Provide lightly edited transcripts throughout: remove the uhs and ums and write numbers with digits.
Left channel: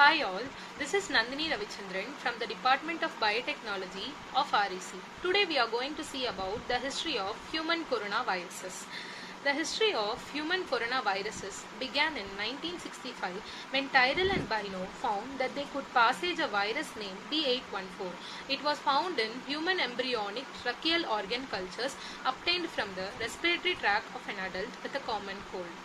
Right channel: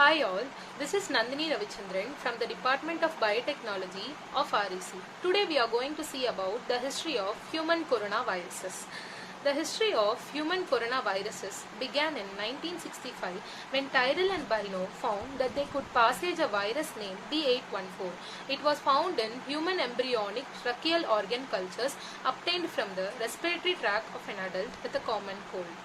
Hi all, this is Nandini Ravichandran from the Department of Biotechnology of REC. Today we are going to see about the history of human coronaviruses. The history of human coronaviruses began in 1965 when Tyrrell and Bino found that they could passage a virus named B814. It was found in human embryonic tracheal organ cultures obtained from the respiratory tract of an adult with a common cold.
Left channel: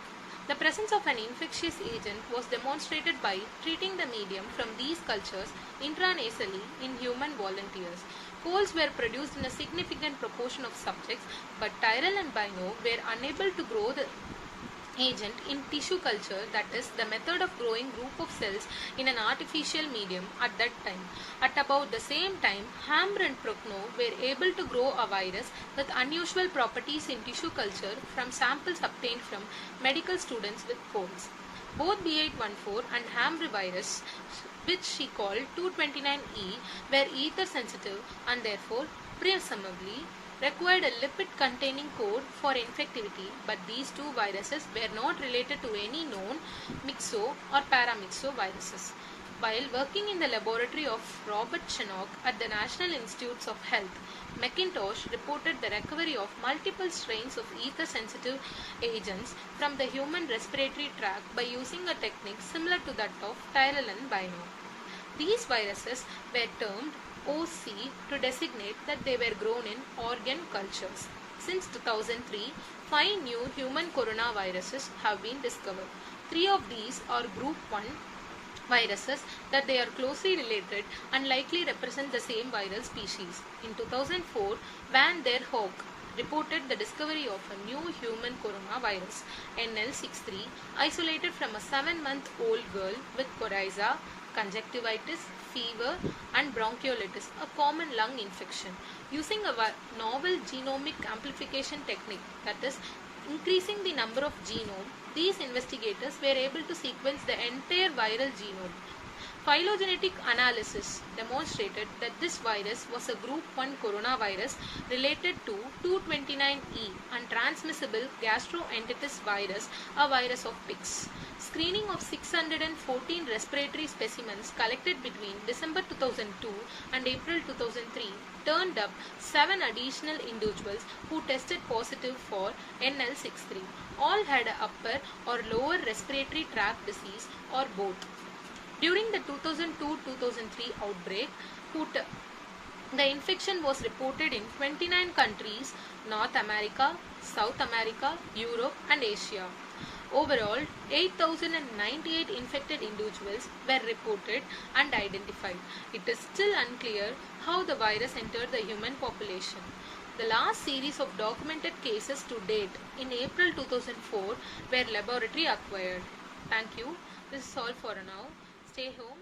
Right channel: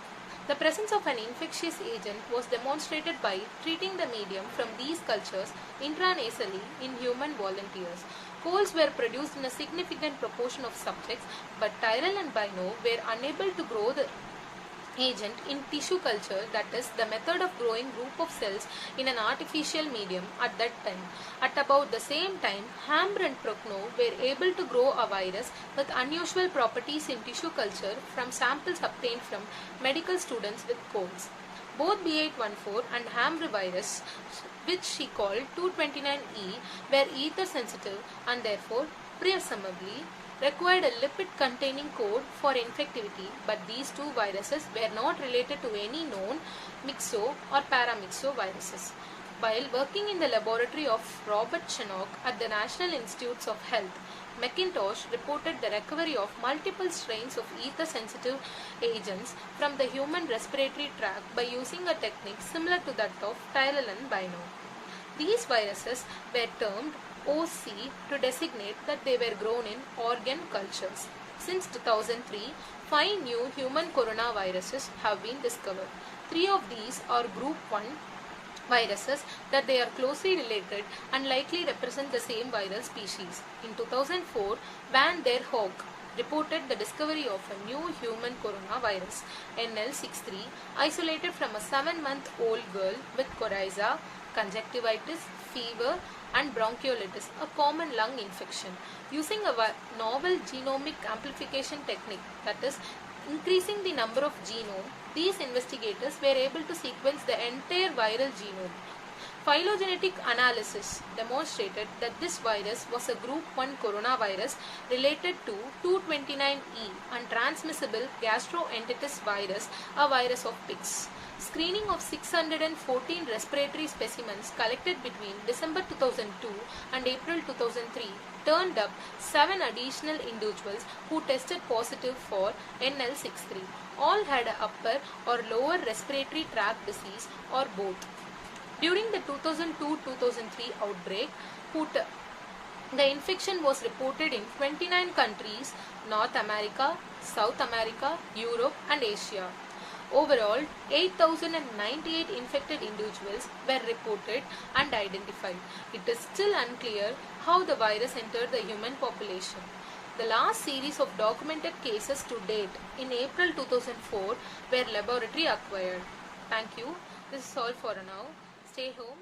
The presence of an infectious agent was demonstrated by treating the medium from these cultures intranasally in human volunteers. Colds were produced in a significant proportion of subjects, but Tyrrell and Bino were unable to grow the agent in tissue culture, that is, the method of growing group of cells in an artificial medium at that time. At about the same time, Hammer and Prochnow were able to grow a virus with unusual properties in tissue culture from samples obtained from medical students with colds. Both B814 and Hammer virus, which she called 229E, were ether sensitive and therefore presumably required a lipid-containing code for infectivity, but these two viruses were not related to any known myxo or paramyxo viruses. While working in the laboratory of Robert Chenock at the National Institutes of Health, McIntosh reported the recovery of multiple strains of ether-sensitive agents from the human respiratory tract by using a technique similar to that of Tyrrell and Bino. These viruses were termed OC to designate that they were grown in organ cultures. Since 2003, 5 new human coronaviruses have been discovered. 3 of these are group 1 viruses that they are closely related and likely represent the same viral species. In 2004, Van der Hoek reported the discovery of a new human coronavirus, NL63, isolated from a 7-month-old girl with coryza, conjunctivitis, fever and bronchiolitis, a common lung infection. Using a novel genomic amplification technique, that is, increasing the number of genome, these investigators were able to sequence the entire viral genome. Phylogenetic analysis demonstrated that this virus was a group 1 coronavirus related to 229E and transmissible gastroenteritis virus, a virus of pigs. Screening of 614 respiratory specimens collected between December 2002 and April 2003 turned up 7 additional individuals who tested positive for NL63. All had an upper or lower respiratory tract disease or both. During the 2002-2003 outbreak, the infection was reported in 29 countries, North America, South America, Europe and Asia. Overall, 8,098 infected individuals were reported and identified. It is still unclear how the virus entered the human population. The last series of documented cases to date in April 2004 were laboratory acquired. Thank you. This is all for now. Stay home.